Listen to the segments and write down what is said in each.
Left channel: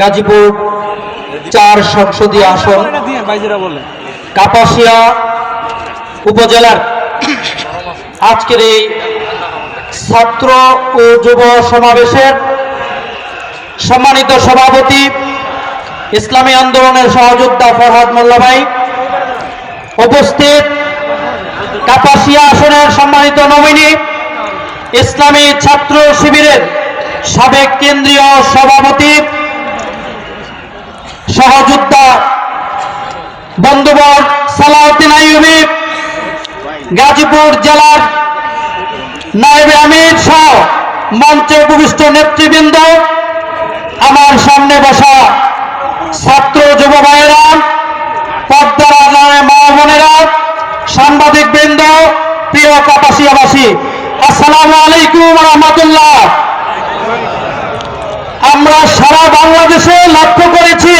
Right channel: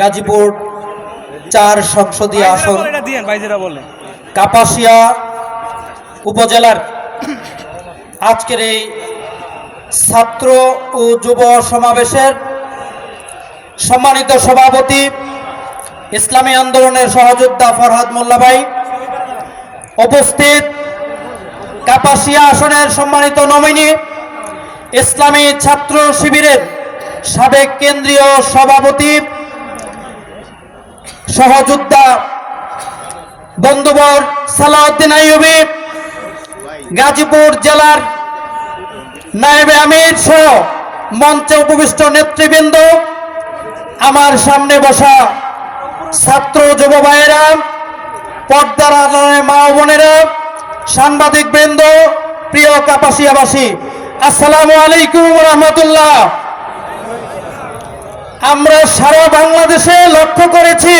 গাজীপুর 4 সংসদীয় আসন কাপাসিয়া উপজেলার আজকের এই ছাত্র ও যুব সমাবেশের সম্মানিত সভাপতি ইসলামী আন্দোলনের সহযোদ্ধা ফরহাদ মোল্লা ভাই, উপস্থিত কাপাসিয়া আসনের সম্মানিত নমিনি ইসলামী ছাত্র শিবিরের সাবেক কেন্দ্রীয় সভাপতি সহযোদ্ধা বন্ধুবর সালাউদ্দিন আইয়ুবী, গাজীপুর জেলার নায়েবে আমির সহ মঞ্চে উপবিষ্ট নেতৃবৃন্দ, আমার সামনে বসা ছাত্র যুব ভাইয়েরা, পর্দার আড়ালে মা বোনেরা, সাংবাদিক বৃন্দ, প্রিয় কাপাসিয়াবাসী, আসসালামু আলাইকুম ওয়া রাহমাতুল্লাহ। আমরা সারা বাংলাদেশে লক্ষ্য করেছি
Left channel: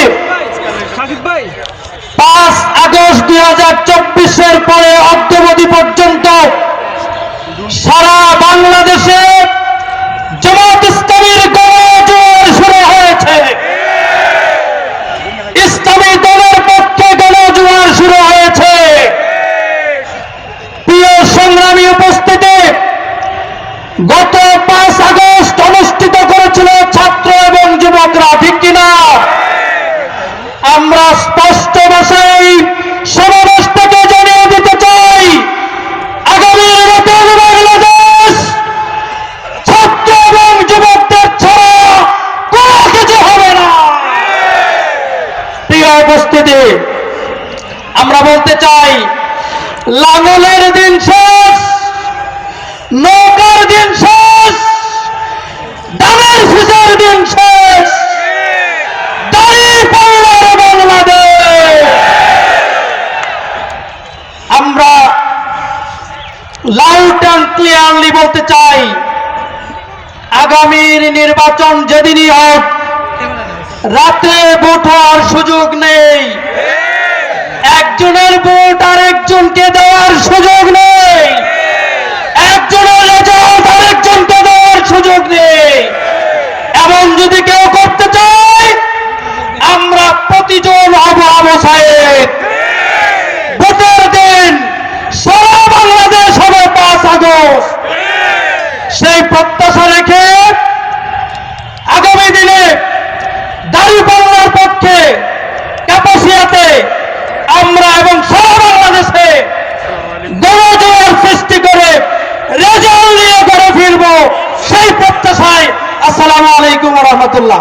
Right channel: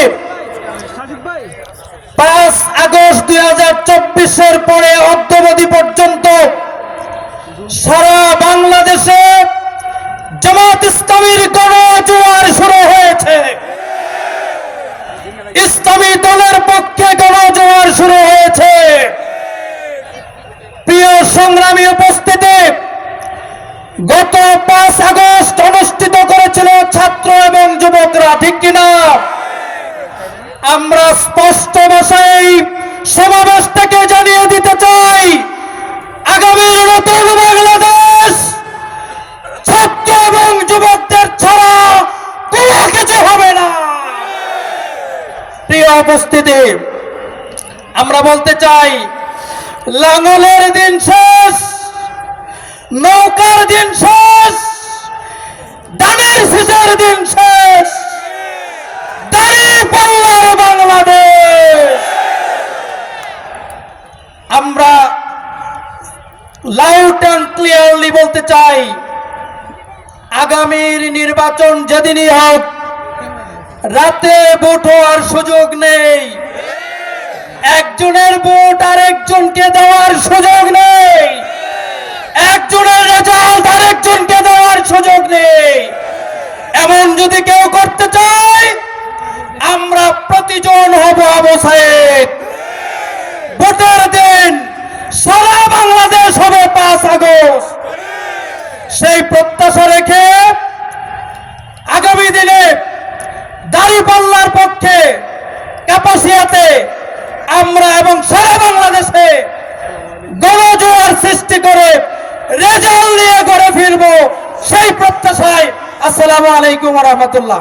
5 আগস্ট 2024-এর পরে অদ্যাবধি পর্যন্ত সারা বাংলাদেশে জামাত ইসলামীর গণজোয়ার শুরু হয়েছে। ইসলামী দলের পক্ষে গণজোয়ার শুরু হয়েছে। প্রিয় সংগ্রামী উপস্থিতি, গত 5 আগস্ট অনুষ্ঠিত করেছিল ছাত্র এবং যুবকরা, ঠিক কিনা? আমরা স্পষ্ট ভাষায় সমাবেশ থেকে জানিয়ে দিতে চাই, আগামী নতুন বাংলাদেশ ছাত্র এবং যুবকদের ছাড়া কোনো কিছু হবে না। প্রিয় উপস্থিতি, আমরা বলতে চাই, লাঙ্গলের দিন শেষ, নৌকার দিন শেষ, ধানের শীষের দিন শেষ, দাঁড়িপাল্লার বাংলাদেশ। আমরা লাউড অ্যান্ড ক্লিয়ারলি বলতে চাই, আগামীর নির্বাচন যেদিনই হোক, রাতে ভোট হওয়ার সুযোগ নেই, একজনের ভোট আরেকজনকে দেওয়ার সুযোগ নেই, একজনের রেজাল্ট আরেকজনকে দেওয়ার সুযোগ নেই। এমন যদি কেউ করতে চায়, আমরা প্রতিজন হব আবু সাইদ। ভোটের দিন সারা বাংলাদেশ হবে 5 আগস্ট। সেই প্রত্যাশা রেখে আগামী দিনে দাঁড়িপাল্লার পক্ষে কাপাসিয়াতে আমরা এবং সারা বাংলাদেশে গণজোয়ার সৃষ্টি করে রেজাল্ট নিয়ে ঘরে ফিরবো, সেই প্রত্যাশায়। আসসালামু আলাইকুম ওয়া রাহমাতুল্লাহ।